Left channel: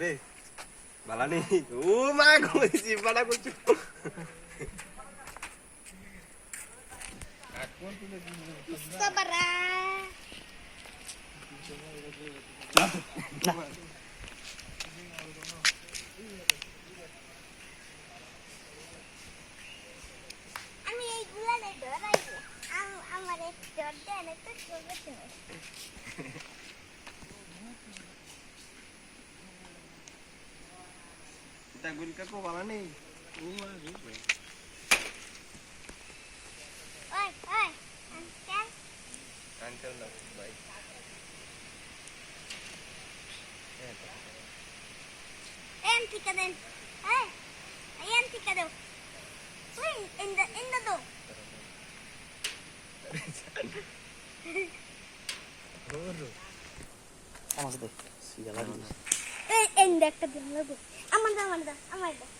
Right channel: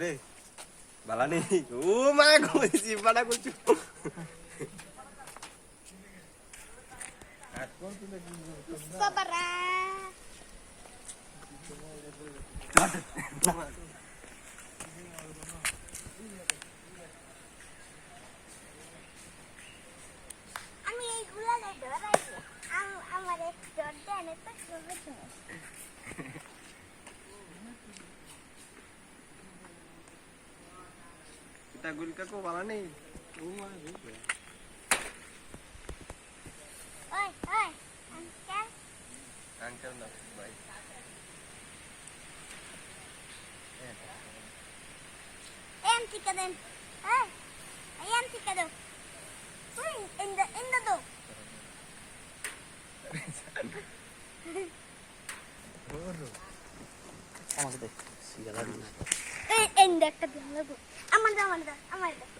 রে বালা নেই ও মা কইছি বালা কইছি সাবরা আমি এইগুলা নে ধরাইবো আমার এক ডর দেন তো খেলবে তুমি তা গুলকা কো বালা নেই ও মা ওই ওই আঙ্কেল আঙ্কেল না ভাই Empty ka din. Hey, ay empty ka daw. Uy, in the door. আমাকে দেখ সিগালা this Ay, in the ka din. Amanda.